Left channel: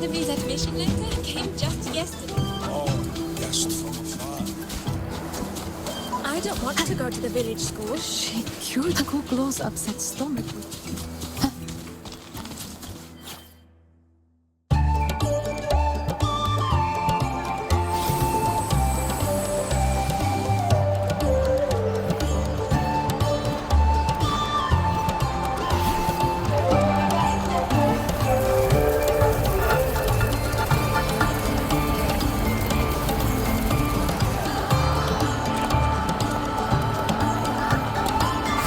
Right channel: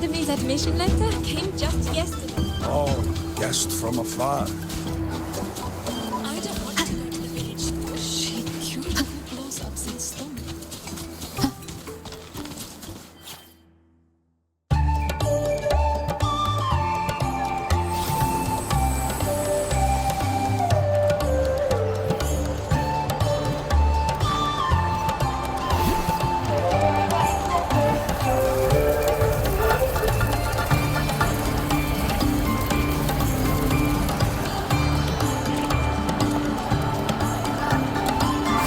Academy's admission letter came just yesterday. Oh, guest from afar. I don't want to go to the village school. She cured Kuglo's upset stomach with...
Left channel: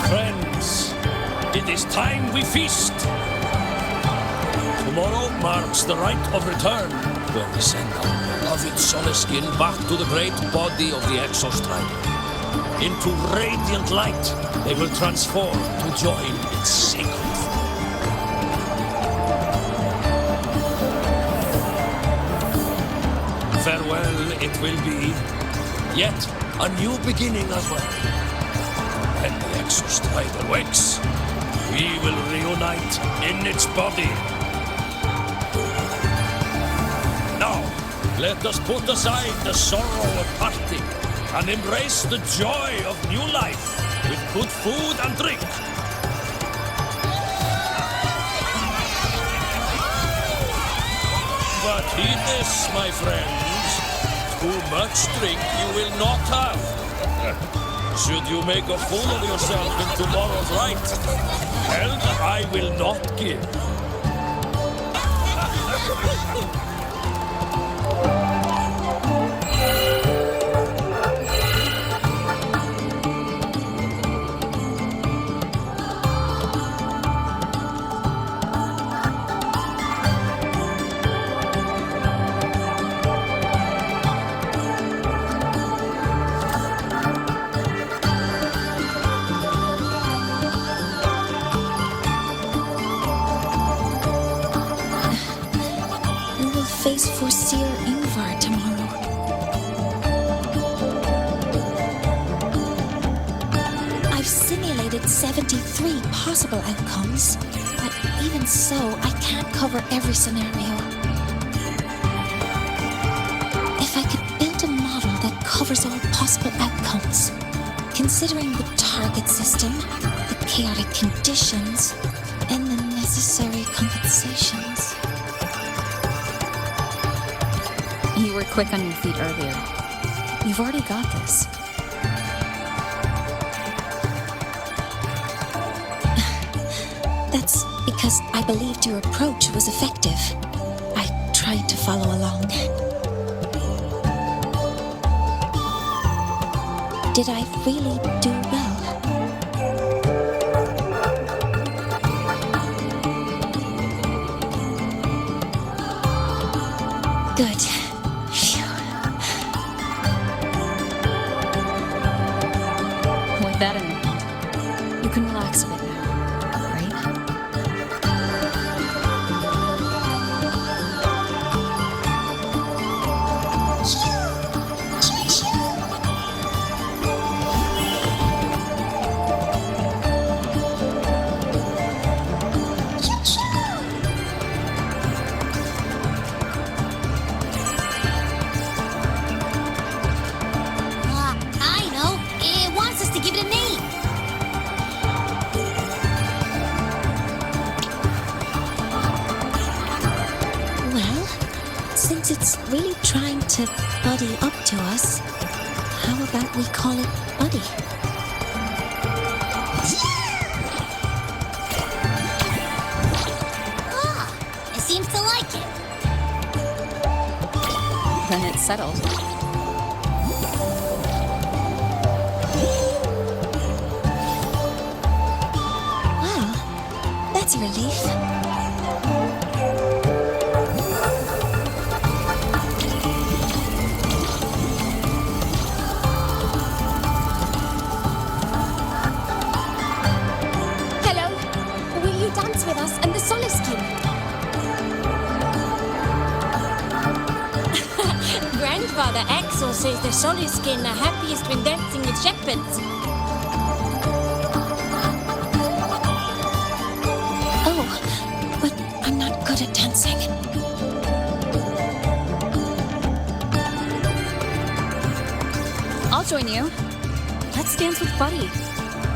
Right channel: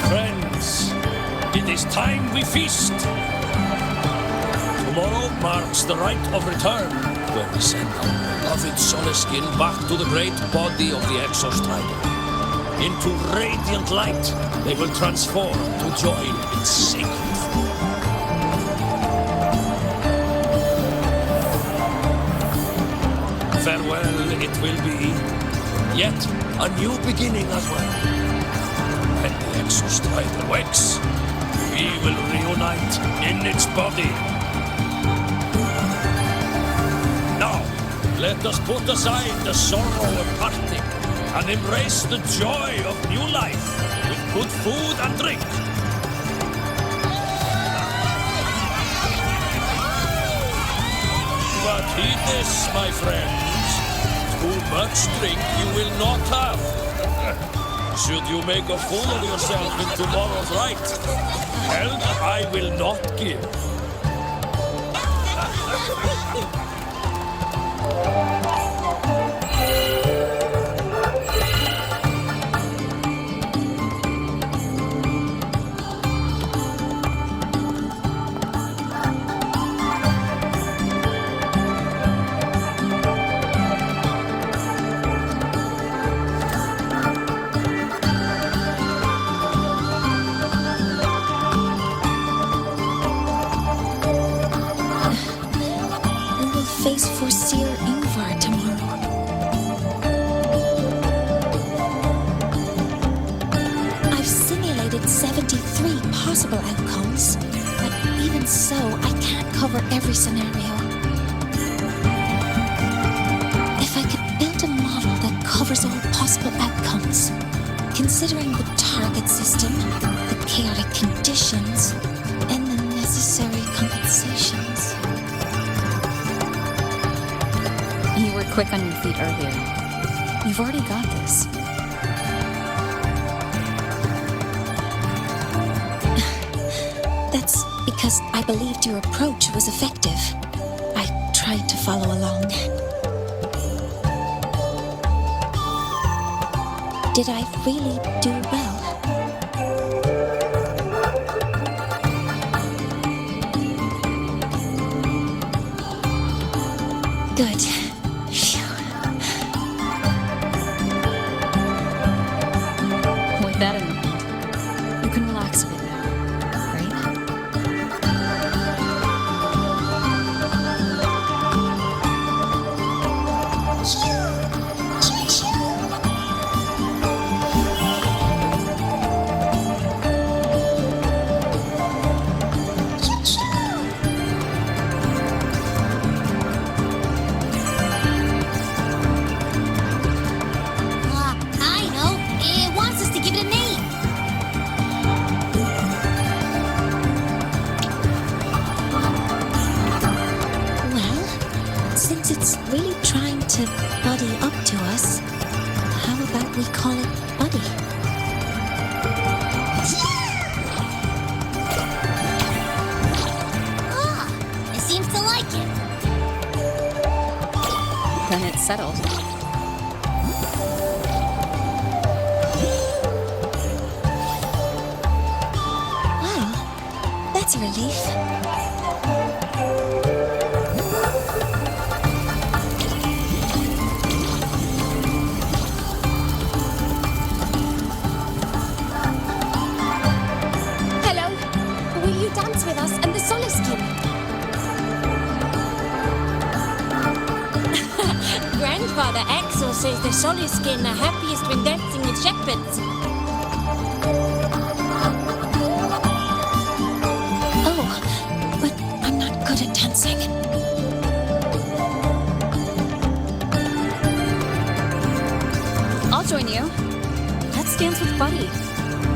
Friends, it is time we feast. Tomorrow marks the rite of return, where we send our beloved Soliskin back to the great body of the Exostrider. Into radiant light, they will transform to join its sacred flow. Farewell it will be, yet a new beginning as well. When the Exostrider wakes, we will reunite in its body. Now, let us put aside the sorrow of parting and embrace the joy of new life with good food and drink. But heed this, my friends. Too much drink you will not have. Should you make a fool of yourself in tomorrow's rite, help I will not give. Face for Seer Ingvar tomorrow. I've simulated 73 possible outcomes, but even so, I can't cover every scenario. If I could build a model that covers all possible outcomes, considering the target system, the chaotic conditions, and the necessary compensations. You were quick on your feet earlier. You've already got this. That's because I believed your approach was effective. I tried to follow along. Did I really do well? Good. With that in mind, you can relax a bit now, right? I know. It wants us to give it a name. Well, since it's really trying to buddy up to us, how about we call it Buddy? Ah, it seems to like it. Then it's settled. Wow, that's a relief. Hello, will you dance with us and the Soliskin? Grandfather Axel says the Soliskin are happiest when dancing with shepherds. Oh, but I'm not good at dancing. I'll join you. Let's dance with Buddy.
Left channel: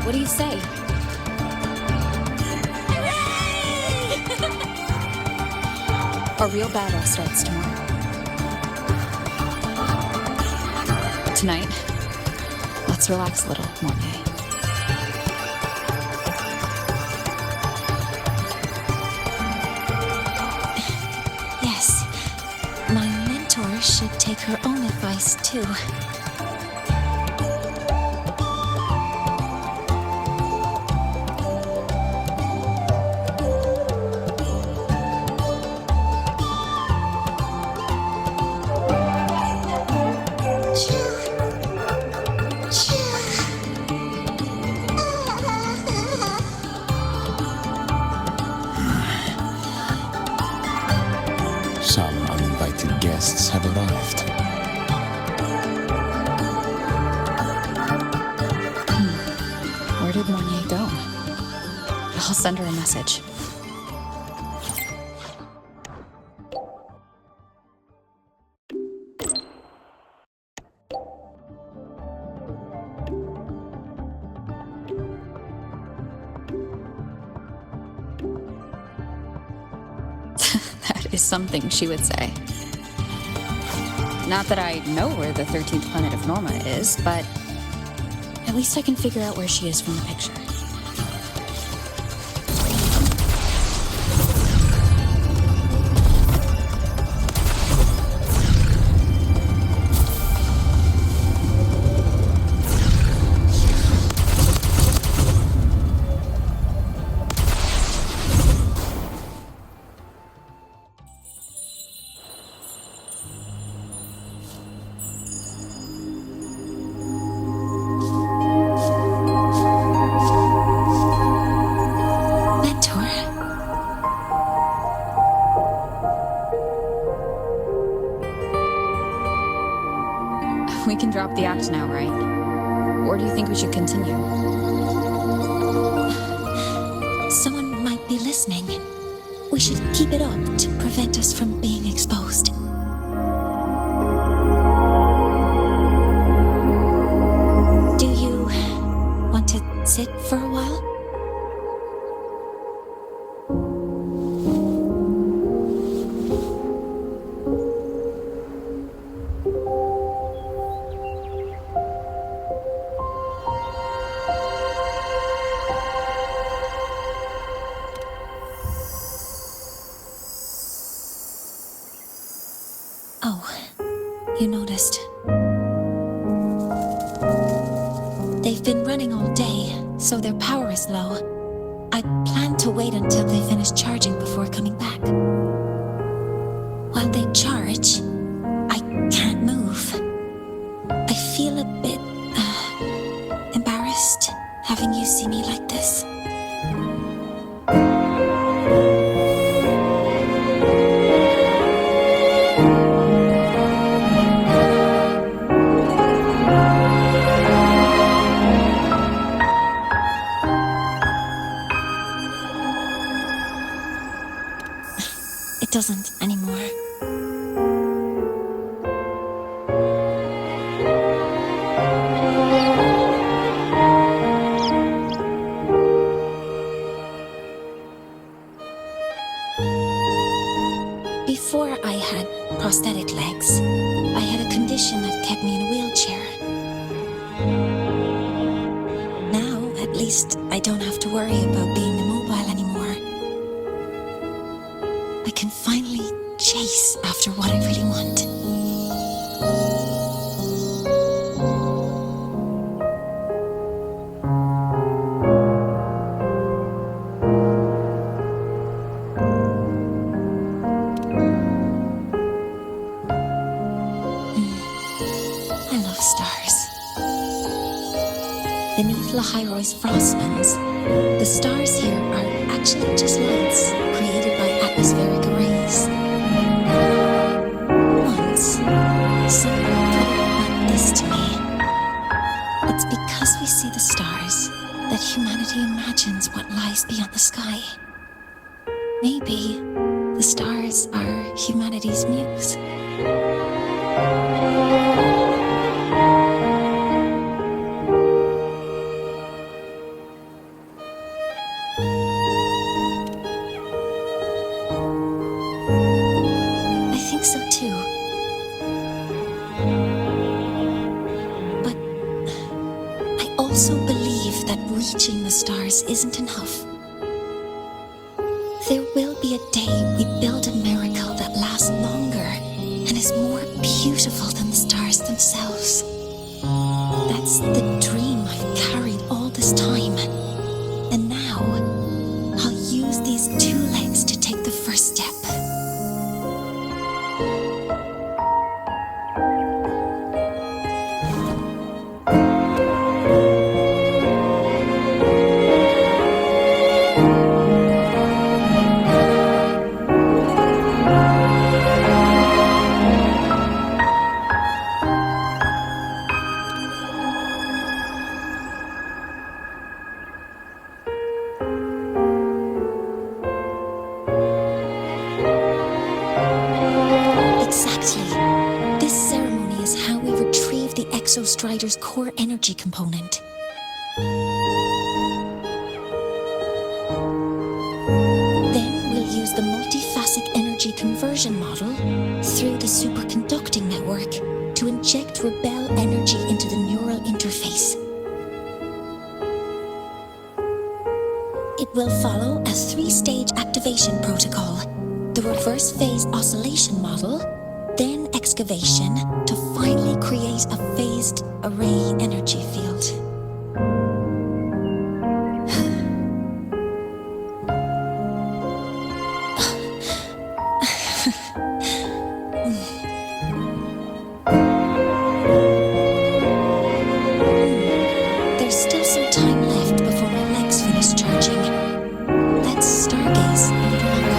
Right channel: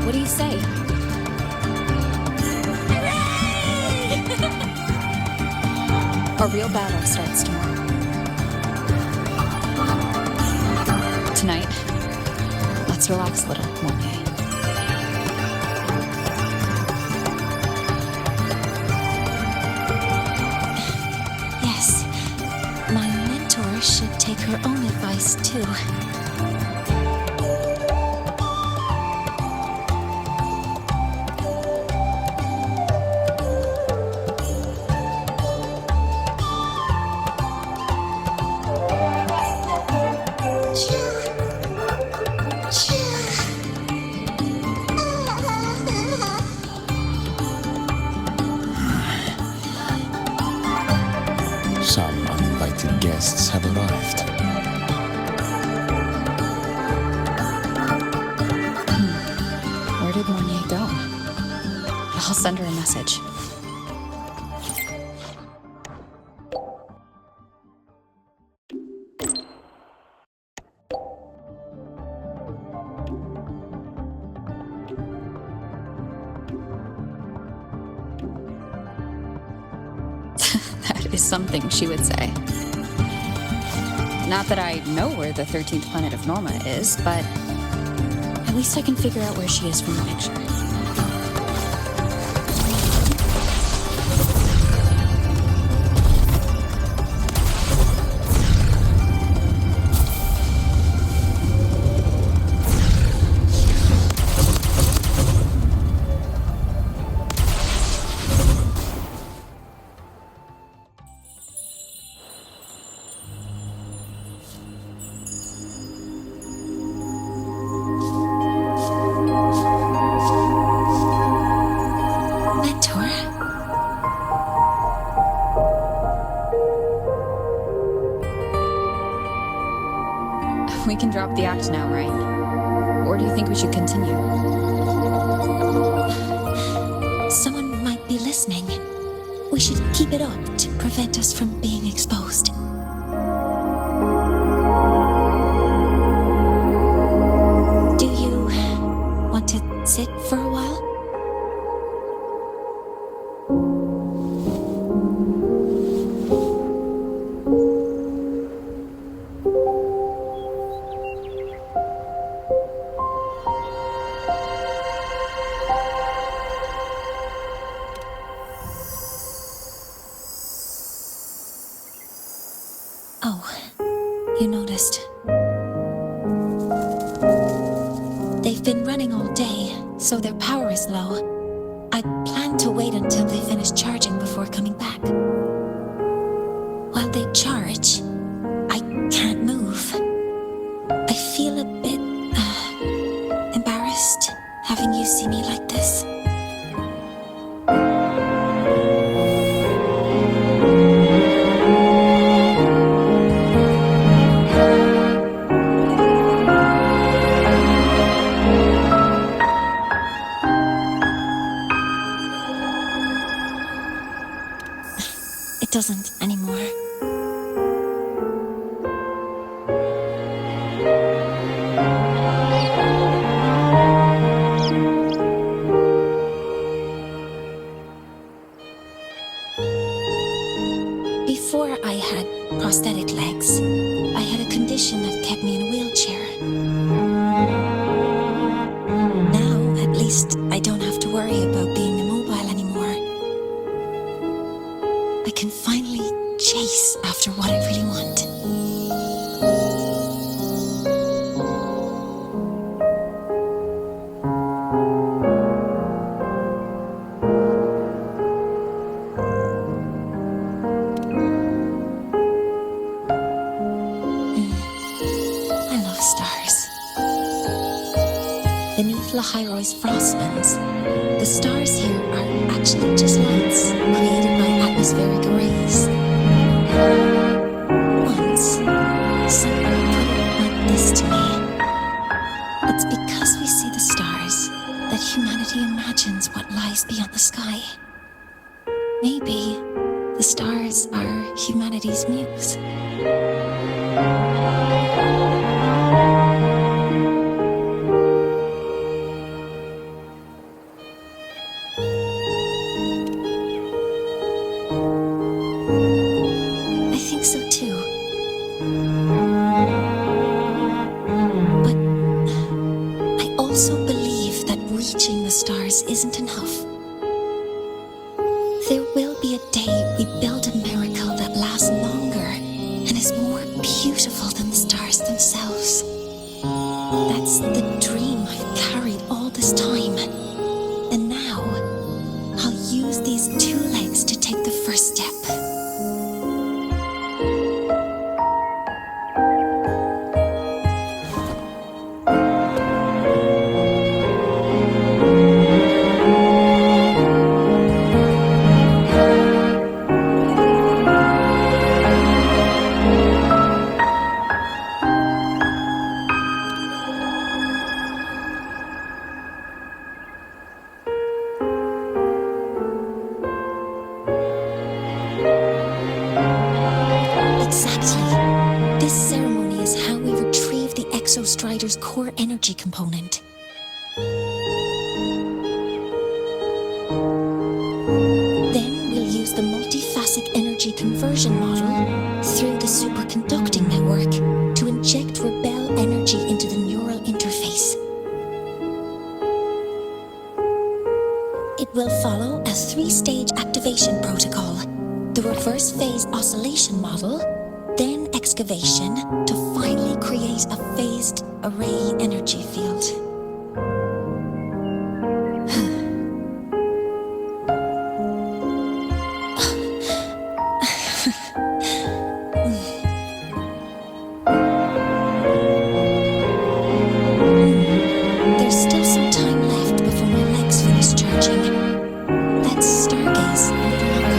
What do you say? Our real battle starts tomorrow. Tonight, let's relax a little, Mornier. Yes, my mentor should take her own advice too. Some uninvited guests have arrived. Where did Mornier go? I'll send her a message. That is something she would say. Not that I know where the 13th planet of Norma is, but at least I can figure out where she is from the picture. Mentor? We can drop the act now, right? Or do you think we should continue? Someone might be listening. We should keep it up to prevent us from being exposed. Do you want to sit for a while? Oh, you noticed. They've been running all day, so their power is low. I plan to wait until they finish charging before coming back. While they charge, I can't move. I feel a bit embarrassed having you see me like this. It doesn't anymore. Before I had prosthetic legs, I had a condition that kept me in a wheelchair. Now, at least, I don't have to worry about being immobile anymore. I can finally chase after what I really want. I love stars. Beneath Lahairo's frostlands, the stars here are actually just lights created by atmospheric arrays. Once, someone put it like this to me. It's because we see the stars that humanity imagines what lies beyond the sky. Maybe the stars are humanity's muse. so too. But I also believe that reaching the stars isn't enough. There will be a day we build a miracle that lasts longer and is more beautiful than the stars themselves. That's the dream I've carried all this time. And now, I'll use these 2 legs to take the first step. Exactly. This ceremony is how we retrieve the Exostrider's core energy component. Then we'll use the multiphasic energy conversion model through the superconducting network to inject Rebel energy into the neural interface. It will follow a 3-stage activation protocol: the reverse phase oscillation model, then excavation, to finally create a phased array energy field. There's still some time left before my legs finish charging. Let's stargaze a little longer.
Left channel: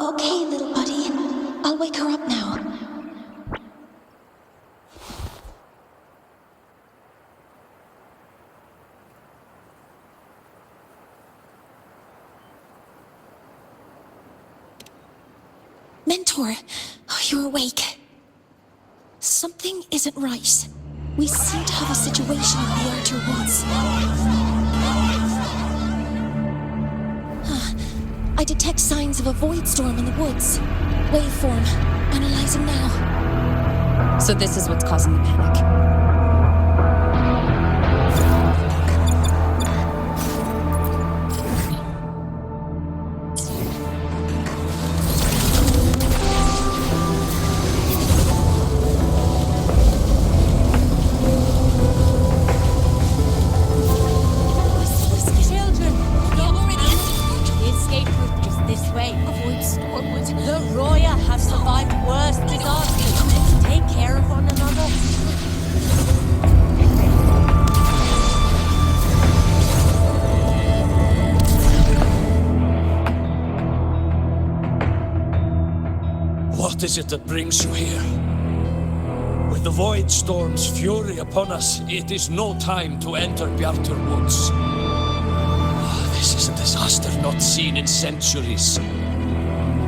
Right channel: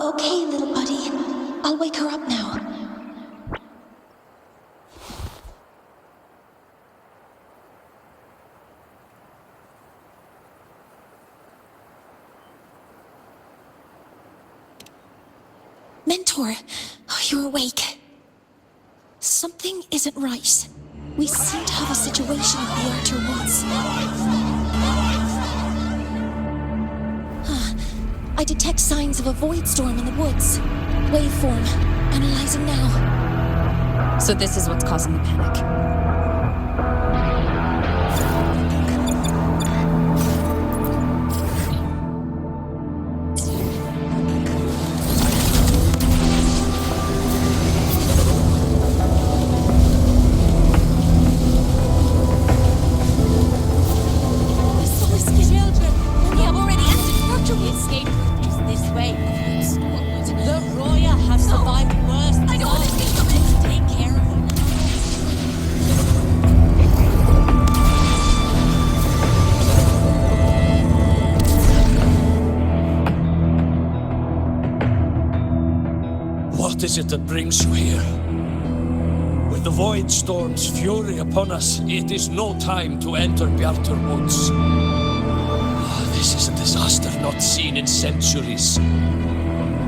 Okay, little buddy. I'll wake her up now. Mentor, you're awake. Something isn't right. We seem to have a situation at the Archer Woods. I detect signs of a void storm in the woods. Waveform. Analyzing now. So this is what's causing the panic. The escape route is this way. Avoid Stormwood. The Roya have survived worse than us. Let's take care of one another. What is it that brings you here? With the Void Storm's fury upon us, it is no time to enter Bjartur Woods. This is a disaster not seen in centuries.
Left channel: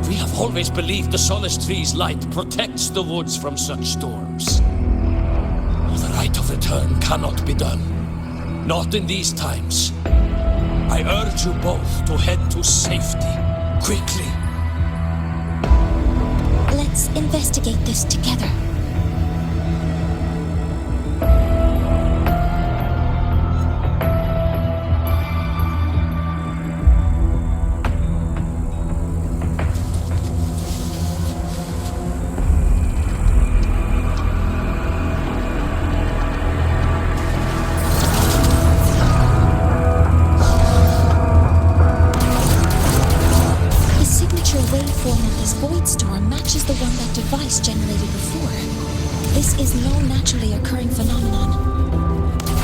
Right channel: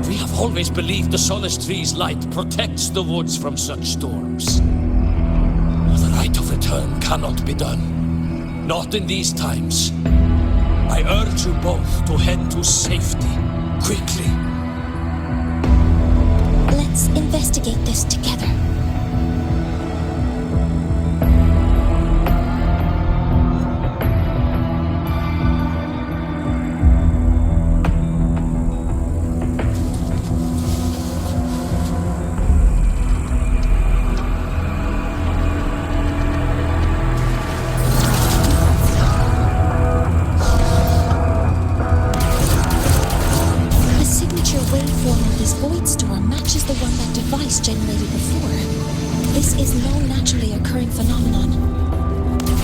We have always believed the Solace Tree's light protects the woods from such storms. The rite of return cannot be done. Not in these times. I urge you both to head to safety, quickly. Let's investigate this together. Waveform of this void storm matches the one that device generated before. This is no naturally occurring phenomenon.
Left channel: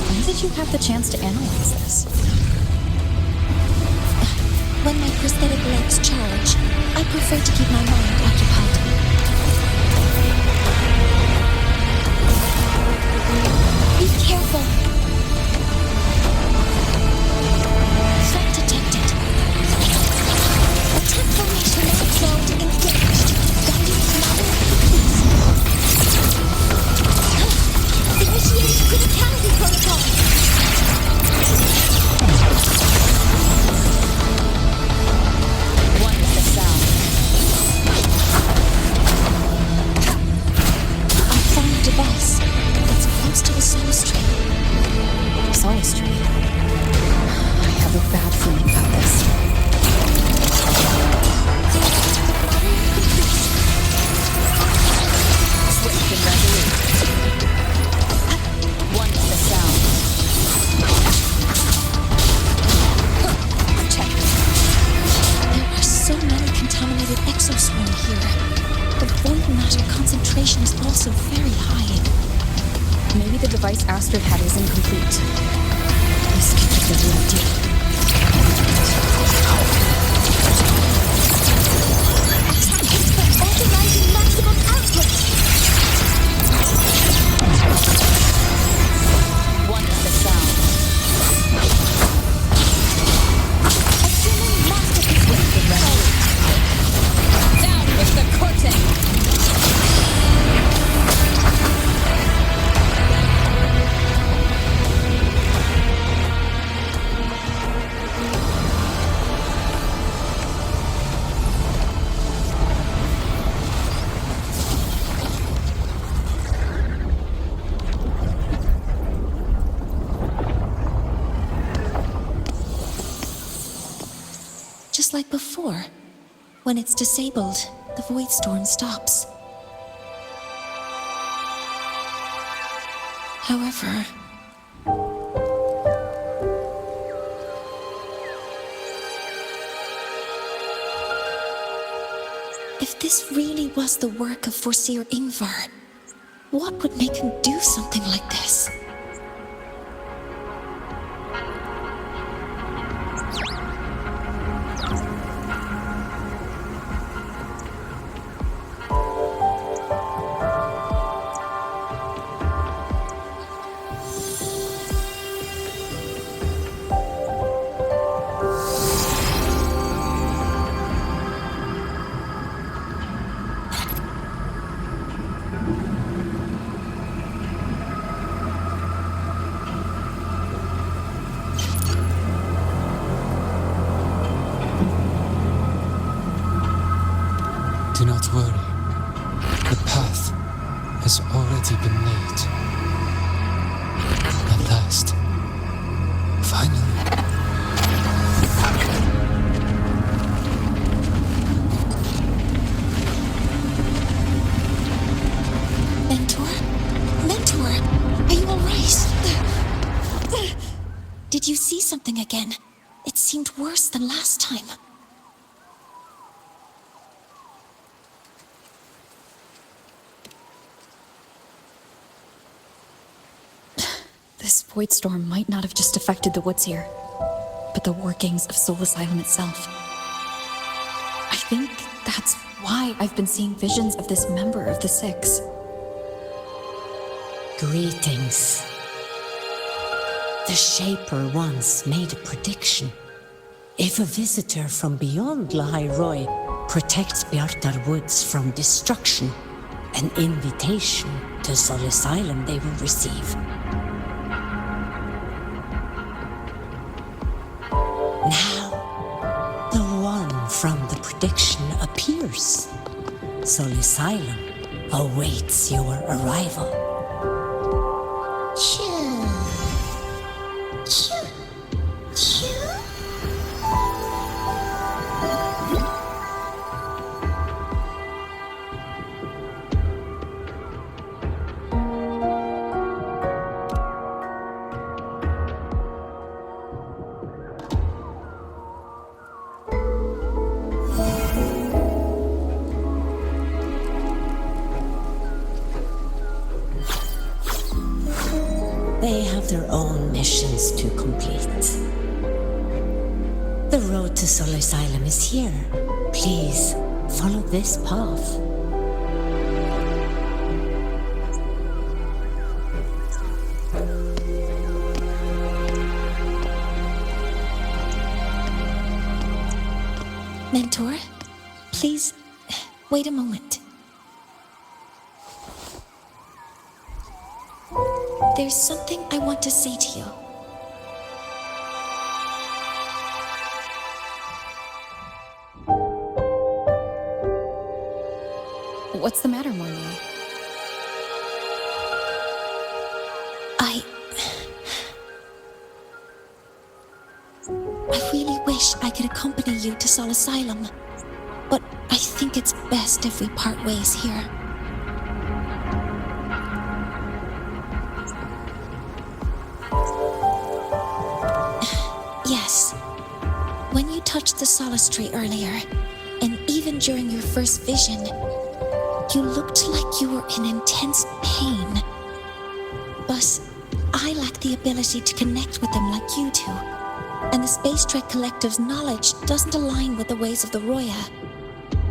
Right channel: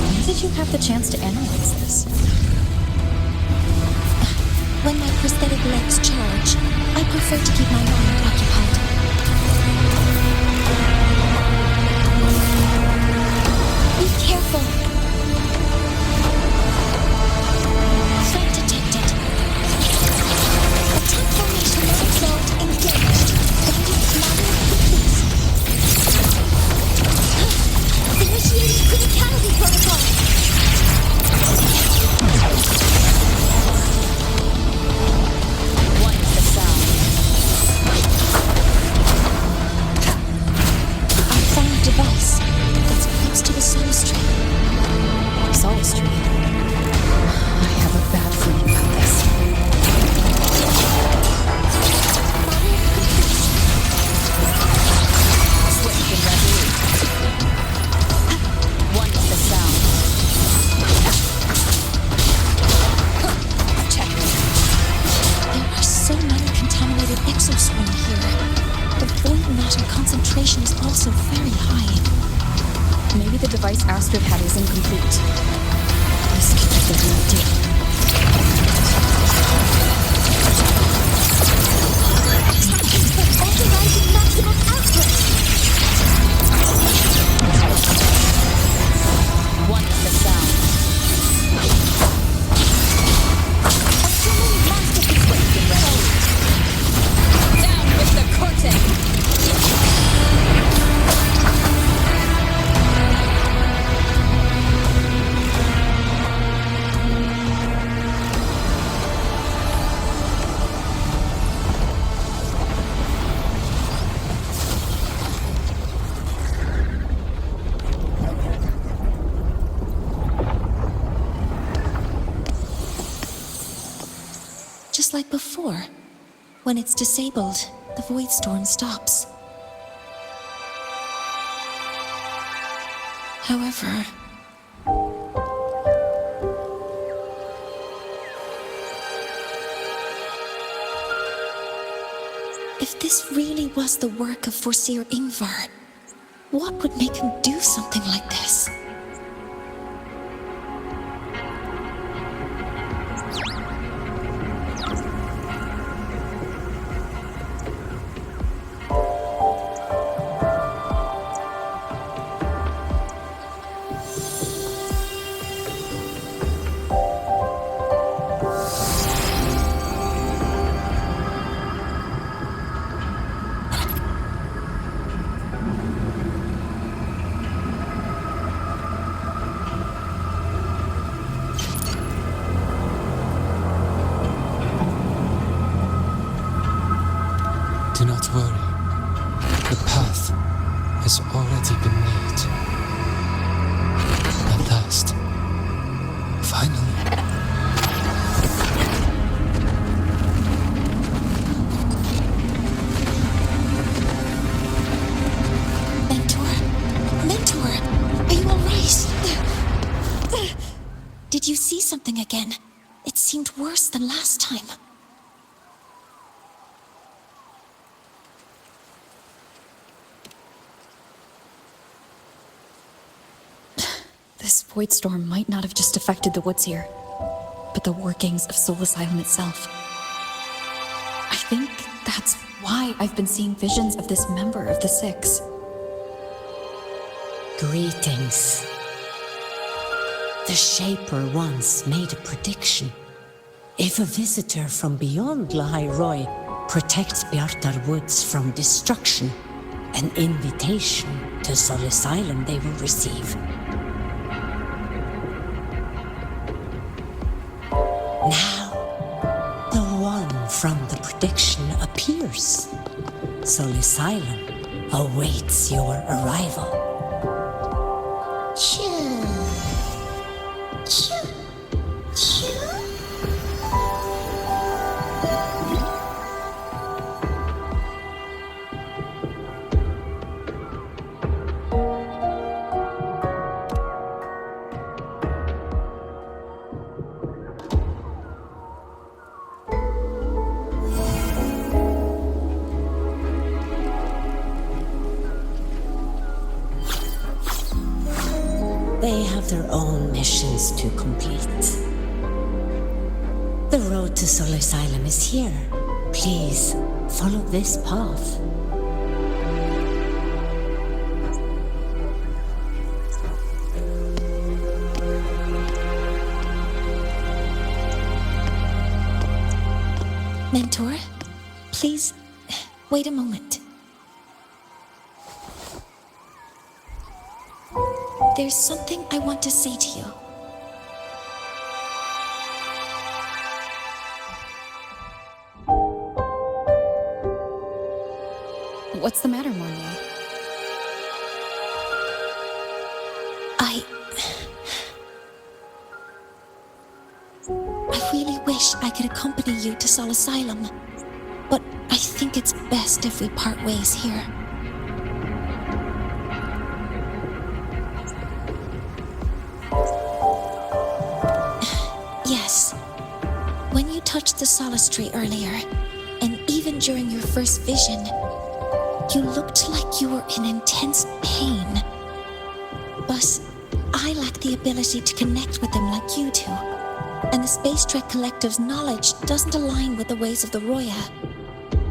When did you have the chance to analyze this? When my prosthetic legs charge, I prefer to keep my mind occupied. Be careful. Threat detected. mode engaged. Guidance manual complete. Initiating criticality protocol. One is the sound. I found a device. It's close to the Solus tree. Solus tree. I have a bad feeling about this. Modeling complete. Swift and resolute. One is the sound. Checkmate. There are so many contaminated exoswarm here. The void matter concentration is also very high. Maybe the device Astrid had was incomplete. This could be the real deal. Attack confirmed. Authorizing maximum output. One is the sound. Assuming master control. Swift and resolute. Down with the curtain! Just like before. When it's disabled, the void storm stops. However, if this really was the work of Foreseer Ingvar, what would make him do something like this? Do not worry. The path has already been laid. At last. Finally. Mentor? Mentor, are you alright? Did you see something again? It seemed worse than last time. This void storm might not have just affected the woods here, but the workings of Soul Asylum itself. I think that's why I've been seeing visions of this member of the Six. Greetings. The Shaper once made a prediction. If a visitor from beyond Lahai Roy protects Bjartar Woods from destruction, an invitation to Soul Asylum they will receive. Now, the one from the prediction appears. Soul Asylum awaits your arrival. They have their own missions to complete. The road to Soul Asylum is here. Please, follow this path. Mentor, Please, wait a moment. There's something I want to say to you. What's the matter, Mornier? I really wish I could accompany you to Sol Asylum, but I think it's best if we part ways here. Yes. When you touched the Solace Tree earlier, and even during your first vision, you looked like you were in intense pain. But I lack the ability to connect with them like you do, and the Space Trek Collective's knowledge doesn't align with the ways of the Roya.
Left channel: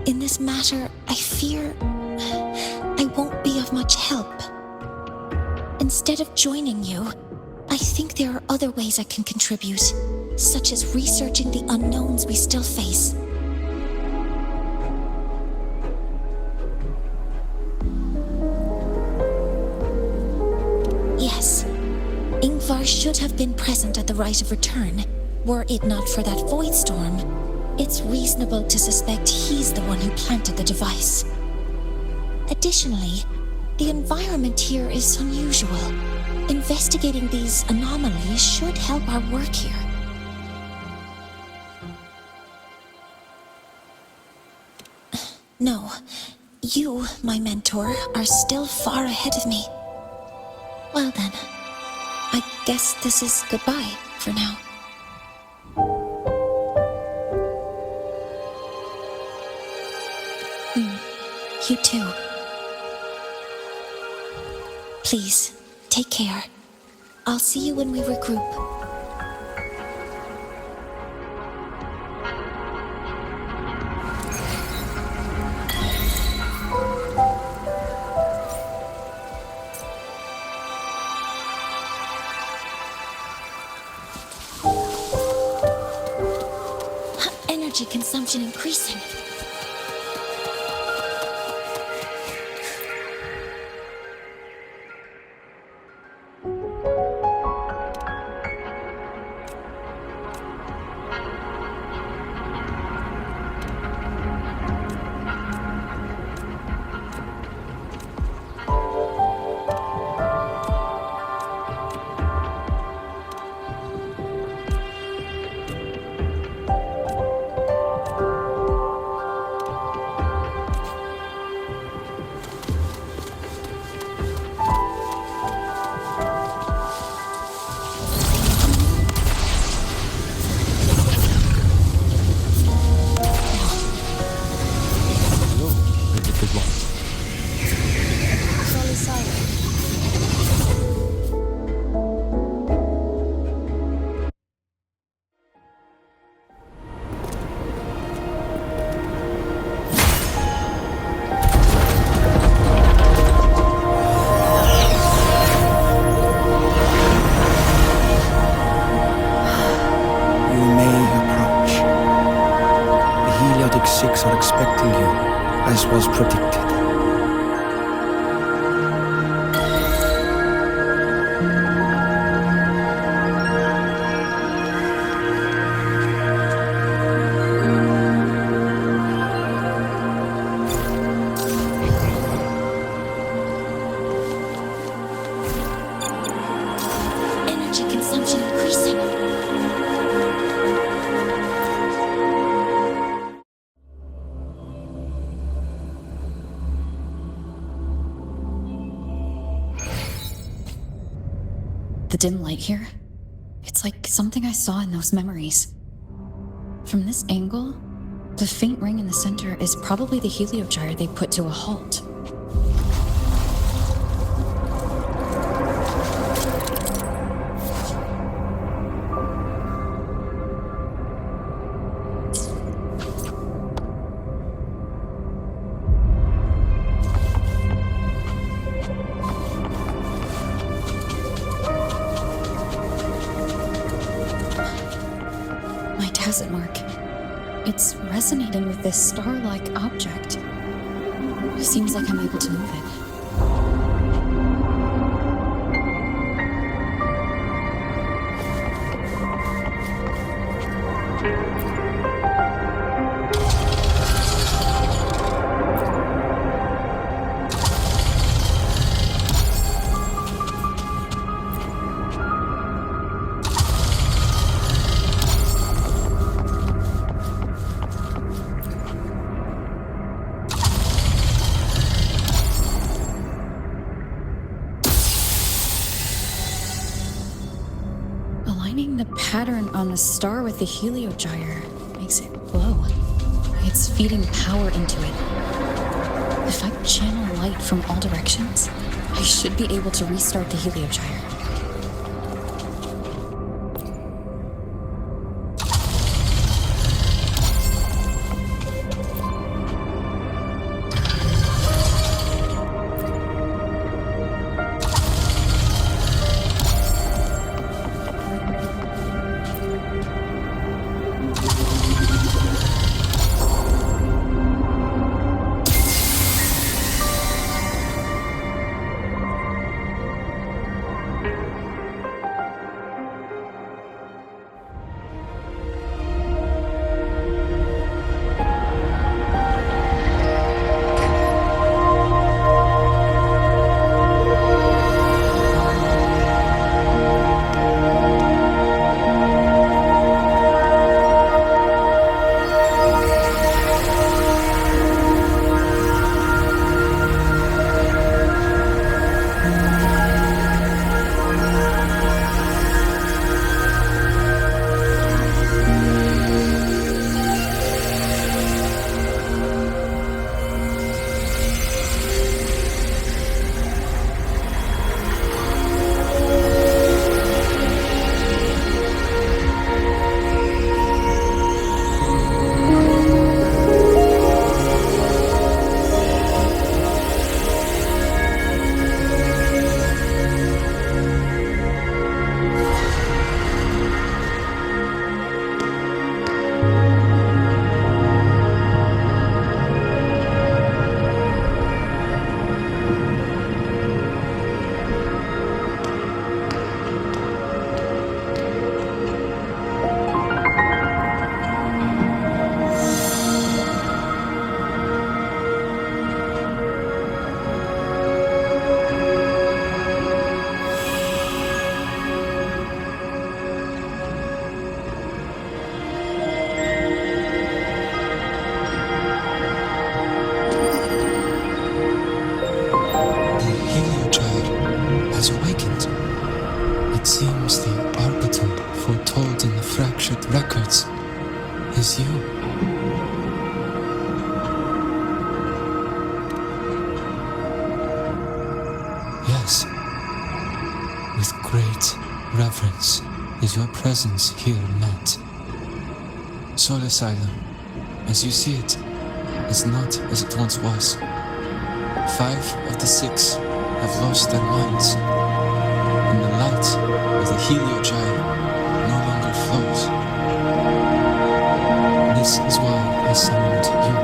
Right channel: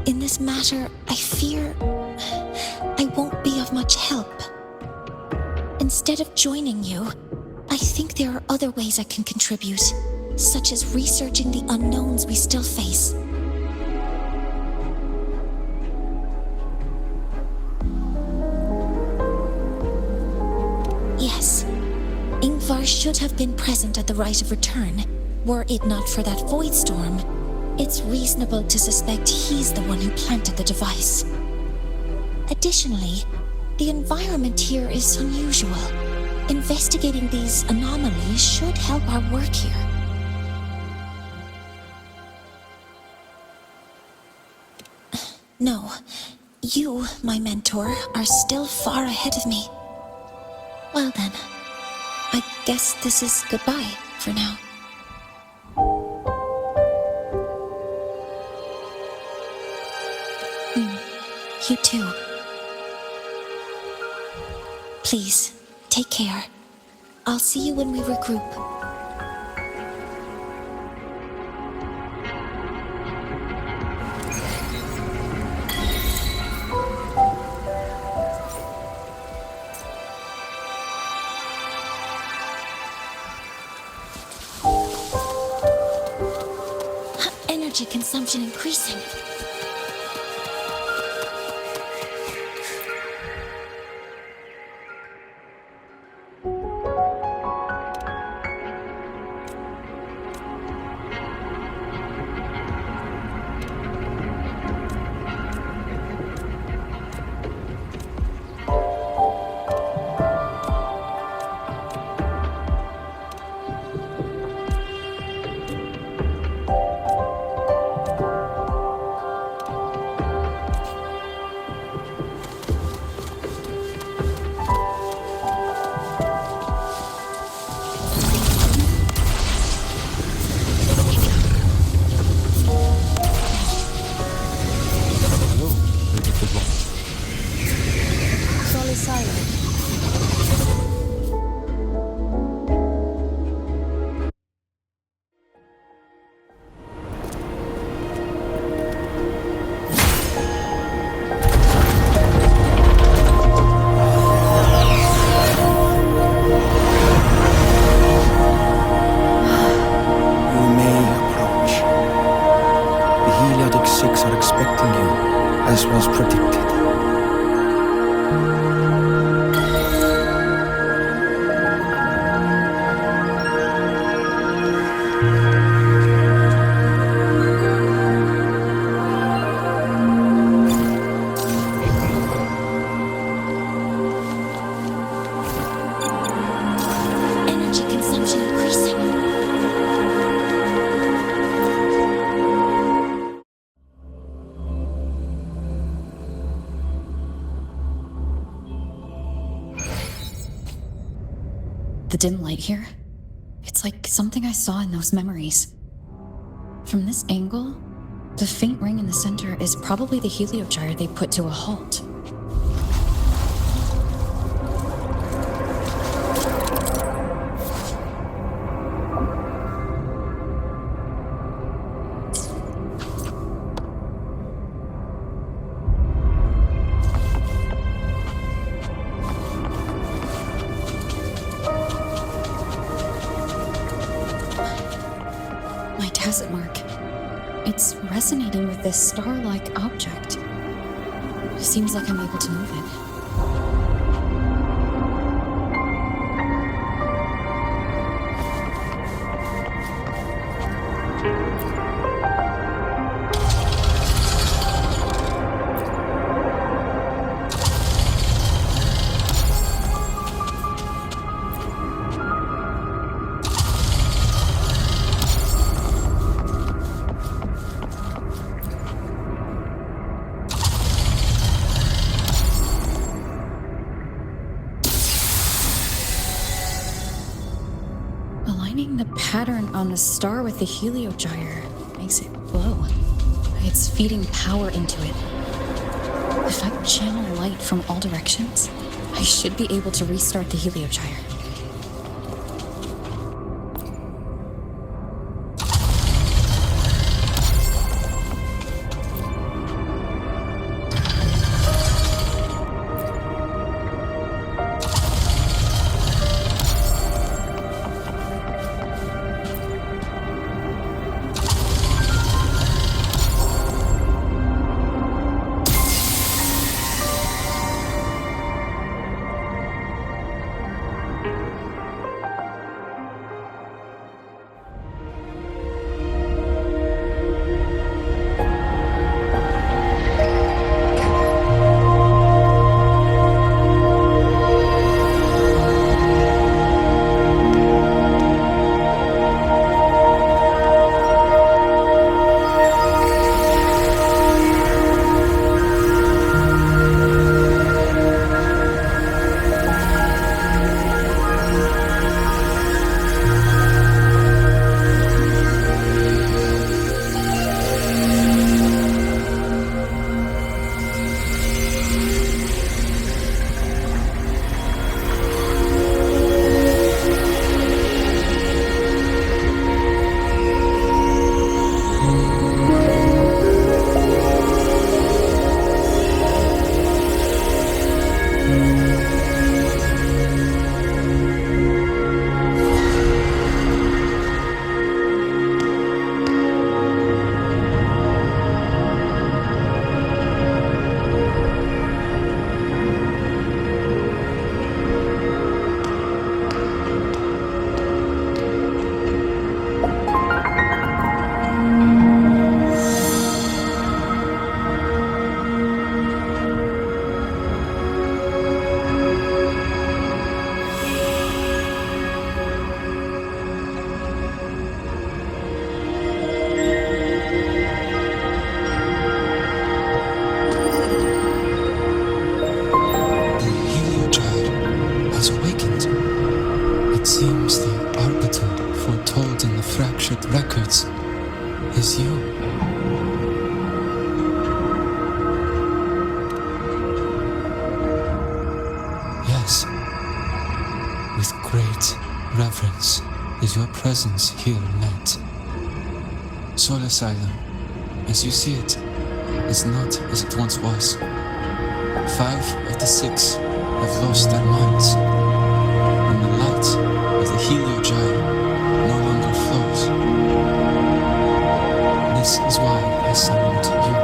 In this matter, I fear I won't be of much help. Instead of joining you, I think there are other ways I can contribute, such as researching the unknowns we still face. Yes, Ingvar should have been present at the Rite of Return. Were it not for that void storm, it's reasonable to suspect he's the one who planted the device. Additionally, the environment here is unusual. Investigating these anomalies should help our work here. No, you, my mentor, are still far ahead of me. Well then, I guess this is goodbye for now. You too. Please, take care. I'll see you when we regroup. Energy consumption increasing. Heliotic 6 are expecting you, as was predicted. Energy consumption increasing. The dim light here, it's like something I saw in those memories. From this angle, the faint ring in the center is probably the heliogyre they put to a halt. Tacit mark. It's resonating with this star-like object. Seems like I'm able to move it. Aligning the pattern on the star with the heliogyre makes it glow. It's feeding power into it. If I channel light from all directions, I should be able to restart the heliogyre. Has awakened. It seems the arbiter foretold in the fractured records is you. Yes. With great reverence is your presence here met. Soul Asylum, as you see it, is not as it once was. 5 of the 6 have lost their minds, and the light of the heliogyre no longer flows. This is why I summoned you.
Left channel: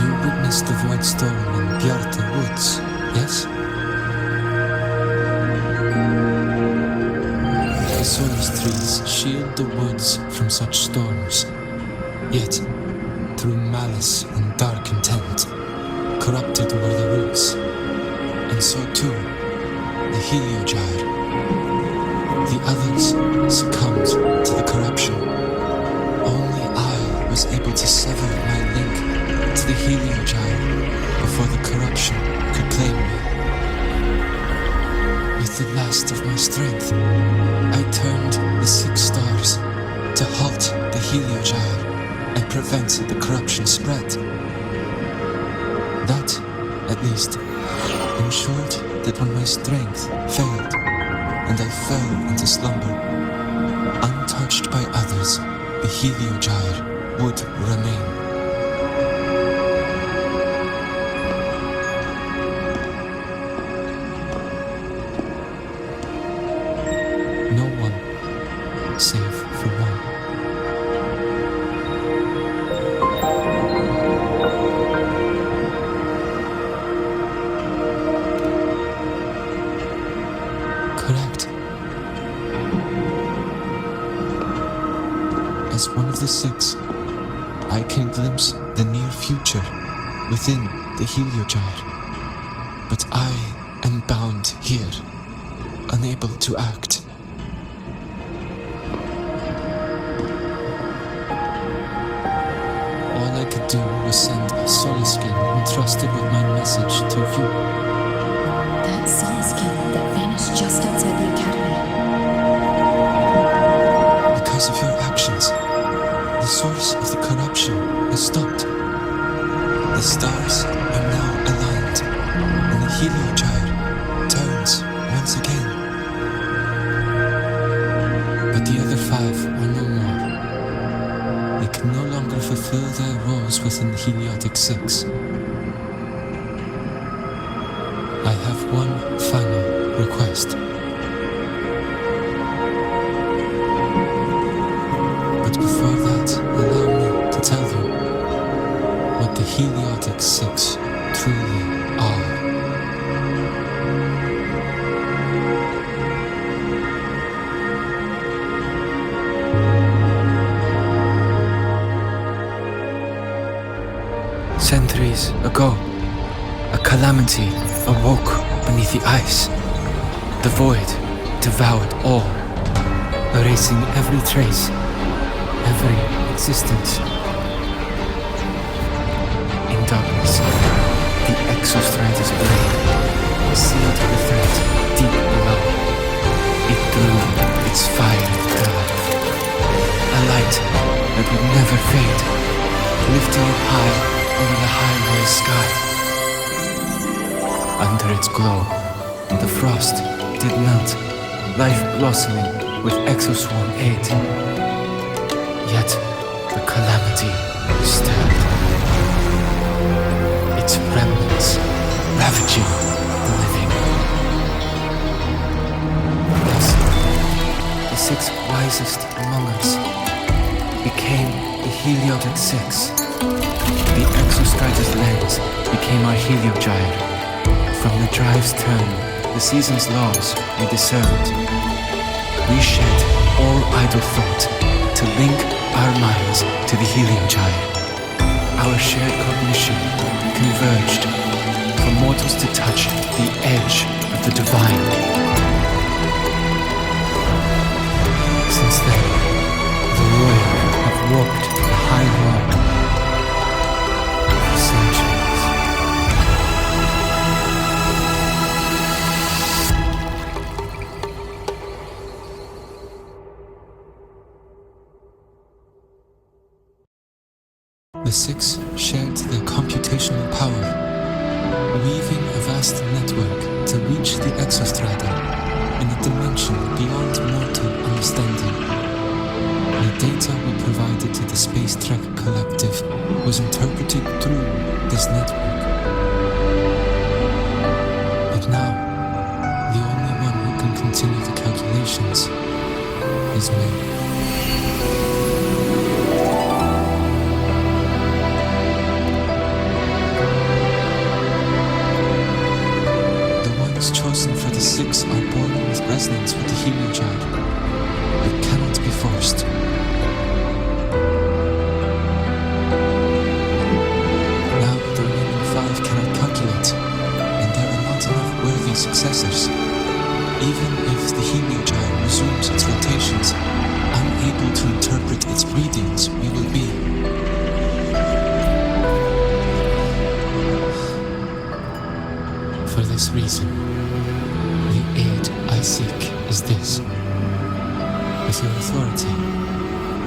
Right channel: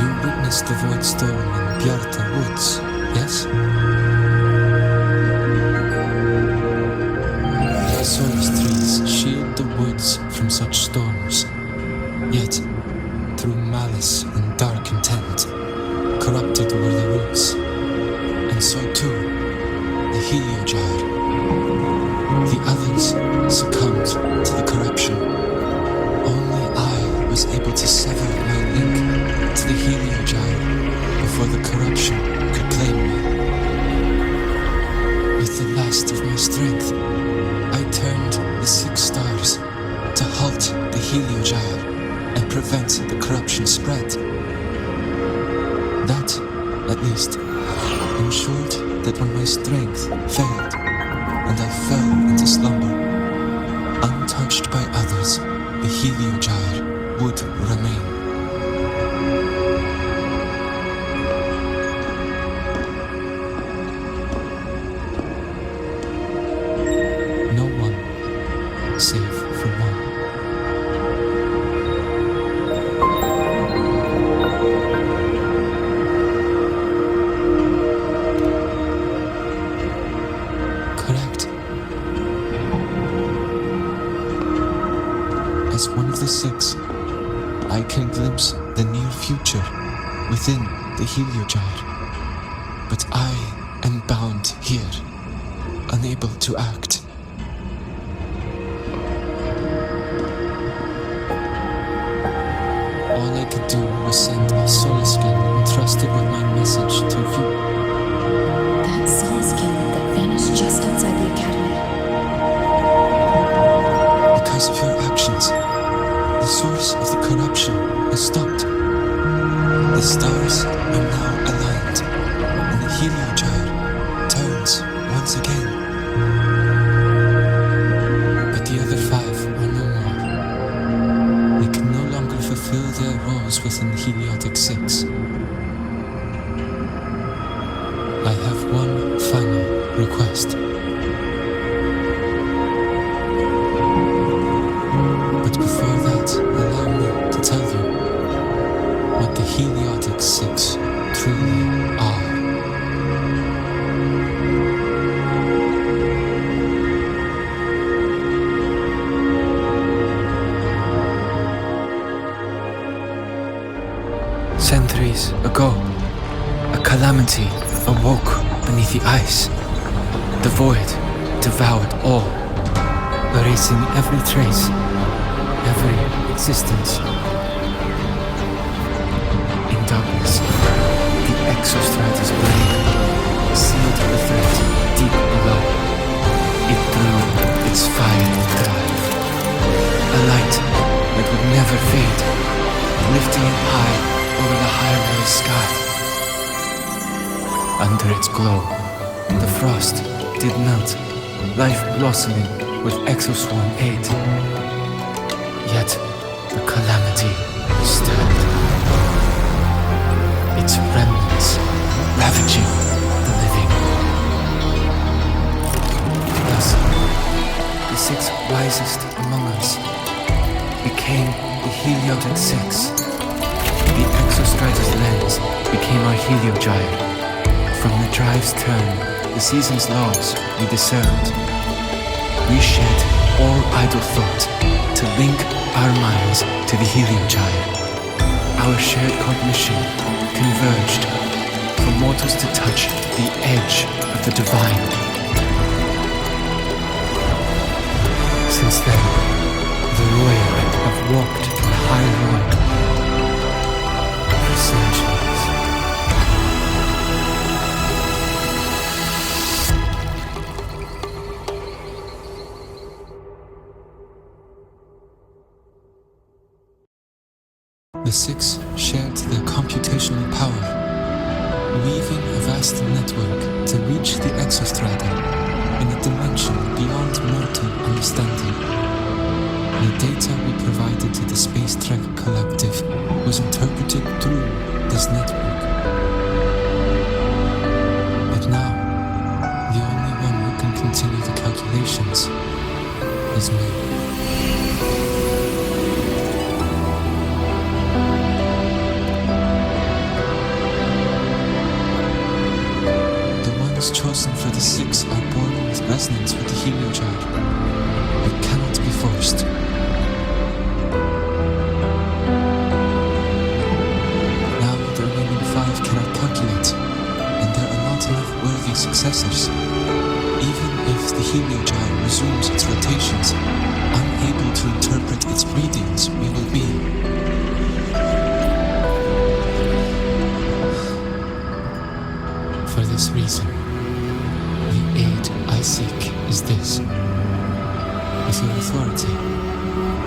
You witnessed the void storm in Bjarta Woods, yes? The Solus trees shield the woods from such storms. Yet, through malice and dark intent, corrupted were the roots. And so too, the heliogyre. The others succumbed to the corruption. Only I was able to sever my link to the heliogyre before the corruption could claim me. With the last of my strength, I turned the 6 stars to halt the heliogyre and prevent the corruption spread. That, at least, ensured that when my strength failed and I fell into slumber, untouched by others, the heliogyre would remain. no one, save for one. Correct. As one of the six, I can glimpse the near future within the Heliogyre. But I am bound here, unable to act. All I could do was send a Soliskin entrusted with my message to you. That Soliskin that vanished just outside the academy. Because of your actions, the source of the corruption has stopped. The stars are now aligned, and the Heliogyre turns once again. But the other five are no more. They can no longer fulfill their roles within the Heliotic Six. I have one final request. But before that, allow me to tell you what the Heliotic Six truly are. Centuries ago, a calamity awoke beneath the ice. The void devoured all, erasing every trace, every existence. In darkness, the Exostrider's blade sealed the threat deep below. It drew its fiery drive, a light that would never fade, lifting it high over the High-Roy sky. Under its glow, the frost did melt, life blossoming with Exoswarm aid. Yet, the calamity stirred, its remnants ravaging the living. Thus, the six wisest among us became the Heliotic Six. The Exostrider's lens became our Heliogyre. From the drive's turn, the season's laws we discerned. We shed all idle thought to link our minds to the Heliogyre. Our shared cognition converged for mortals to touch the edge of the divine. Since then, the Roya have walked the High Roy for centuries. The six shared their computational power, weaving a vast network to reach the Exostrider in a dimension beyond mortal understanding. The data we provided to the Space Trek Collective was interpreted through this network. But now, the only one who can continue the calculations is me. The ones chosen for the six are born with resonance with the Heliogyre. It cannot be forced. Now the remaining five cannot calculate, and there are not enough worthy successors. Even if the Heliogyre resumes its rotations, unable to interpret its readings, we will be. For this reason, the aid I seek is this. With your authority,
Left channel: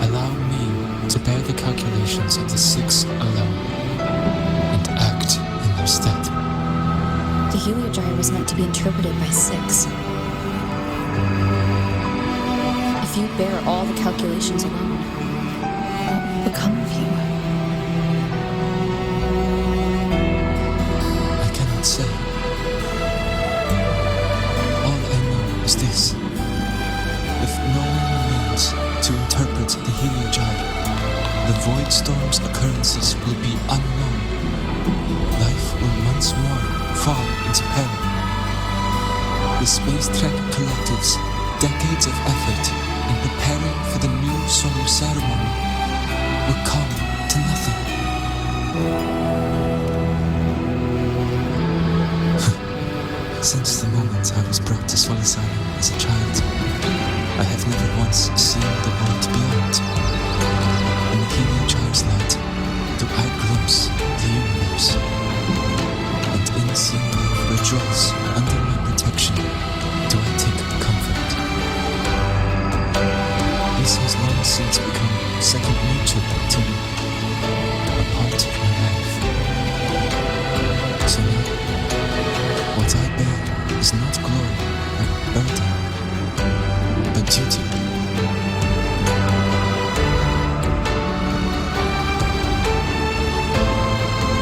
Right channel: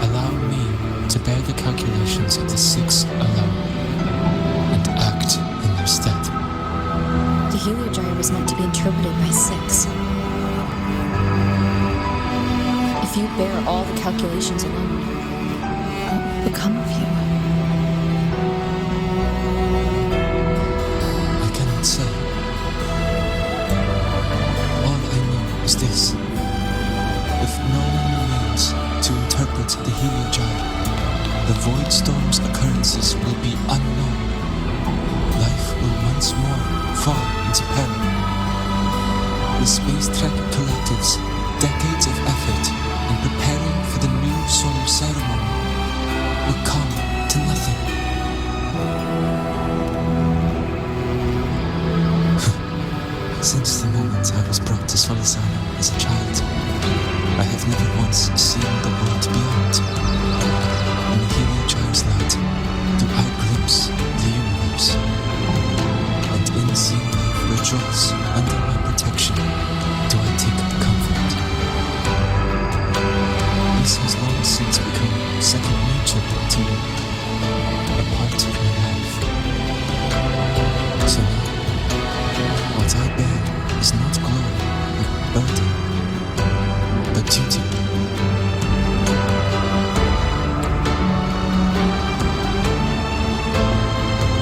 allow me to bear the calculations of the six alone, and act in their stead. The Heliogyre was meant to be interpreted by six. If you bear all the calculations alone, what will become of you? I cannot say. All I know is this. if no one remains to interpret the Heliogyre, the Void Storm's occurrences will be unknown. Life will once more fall into peril. The Space Trek Collective's decades of effort in preparing for the new solar ceremony will come to nothing. Since the moment I was brought to Sol Asylum as a child, I have never once seen the world beyond. In the Heliogyre's light do I glimpse the universe, and in seeing life rejoice under my protection do I take comfort. This has long since become second nature to me, a part of my life. So now, what I bear is not glory or burden, but duty.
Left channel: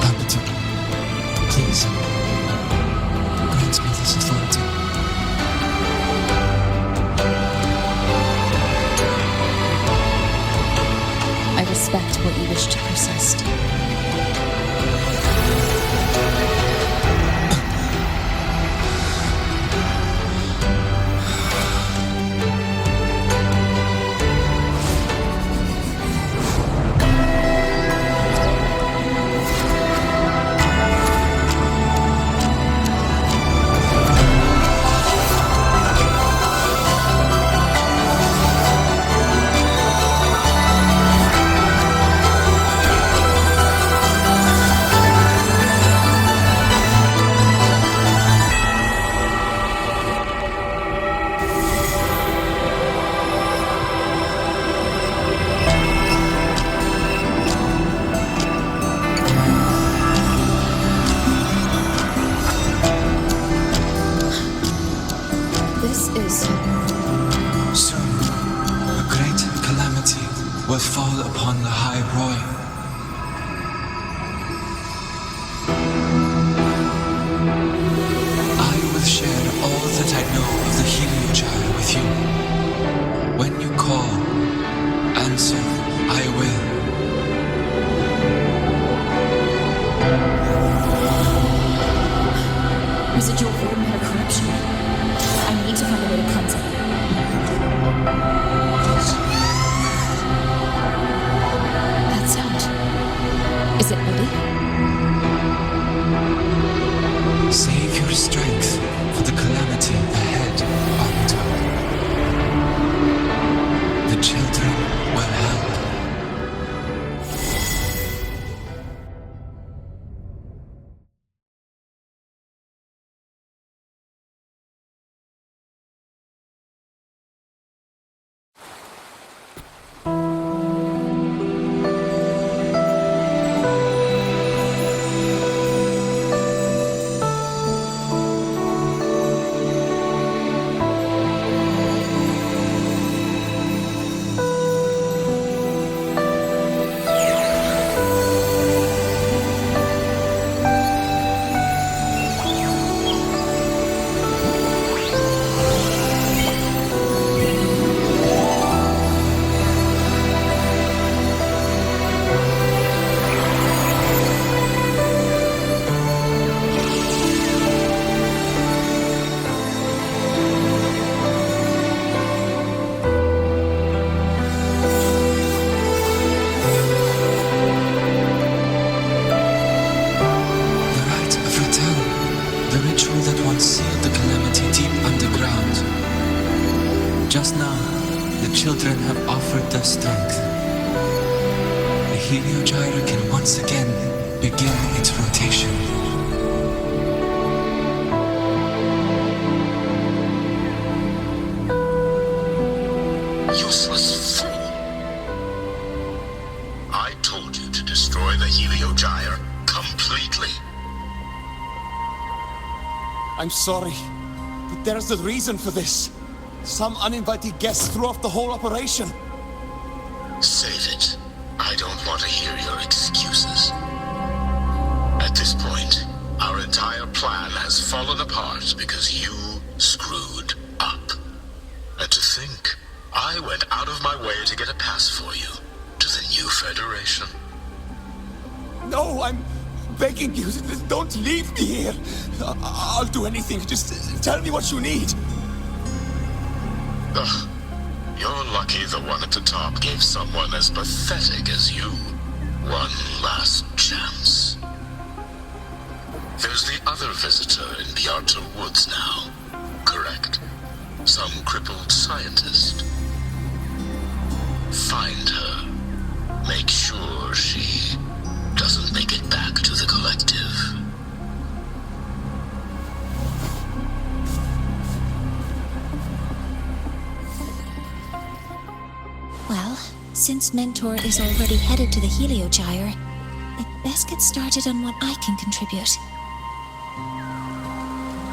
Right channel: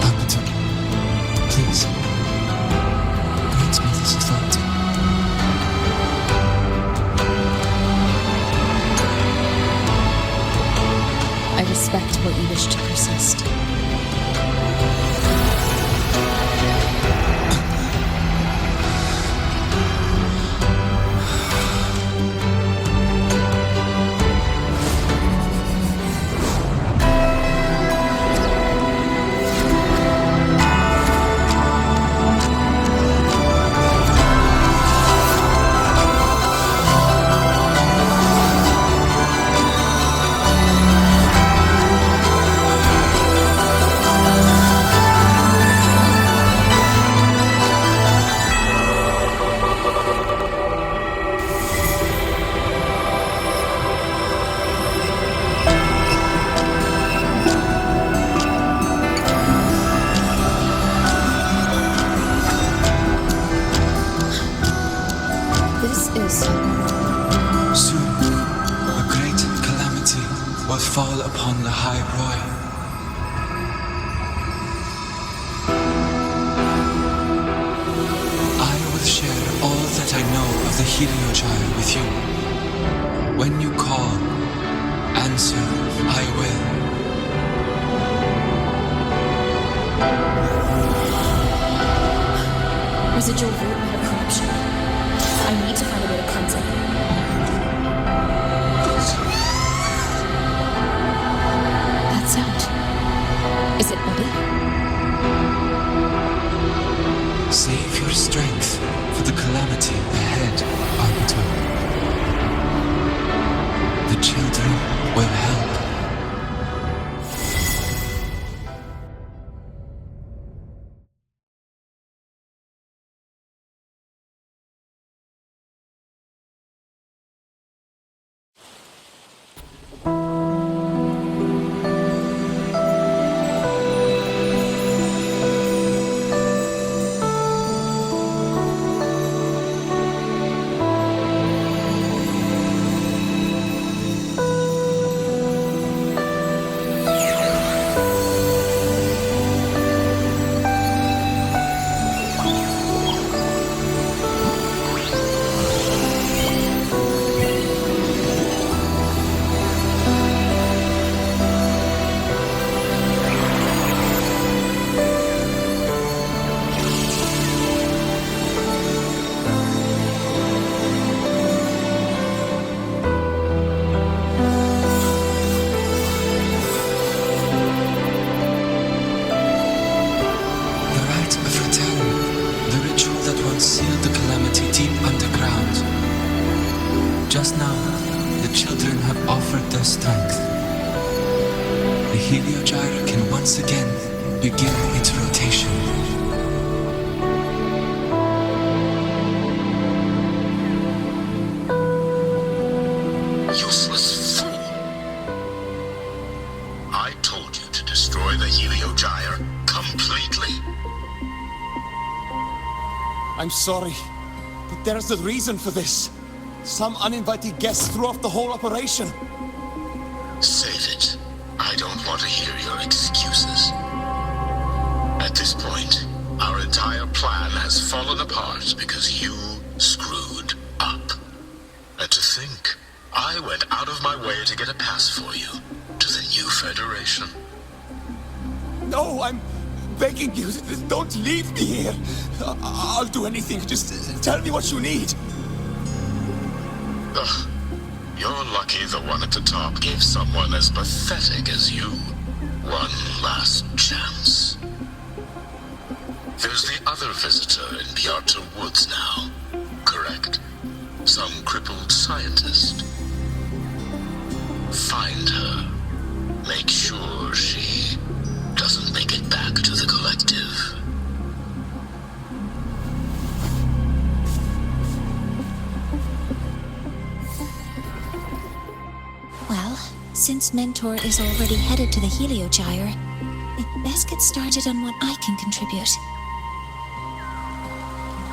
Arbiter, please, grant me this authority. I respect what you wish to persist. Soon, a great calamity will fall upon the High Roy. I will share all that I know of the Heliogyre with you. When you call, answer, I will. Residual void matter corruption. I need to find a way to cleanse it. That sound. Is it Buddy? Save your strength for the calamity ahead, Arbiter. The children will help. The ritual that once sealed the calamity deep underground. Just now, the children have offered their strength. The Heliogyre can once again begin its rotation. Useless fool! I told you to destroy the Heliogyre completely. I'm sorry, but there's a reason for this. Some uninvited guests threw off the whole operation. Save it. I don't want to hear your excuses. At this point, our entire plan has fallen apart because you screwed up. And to think I went out of my way to get a pass for you to the new Federation. No, I'm begging you, don't leave me here. I'll do anything, just tell me what you need. Ugh. You're lucky the one at the top gave someone as pathetic as you one last chance. There's the other visitor in the Outer Woods now, correct? Some crippled scientist. Find her. Make sure she doesn't make it back to the collective. Well, since Mentor is already headed to the Heliogyre, I'd best get started on what I can contribute.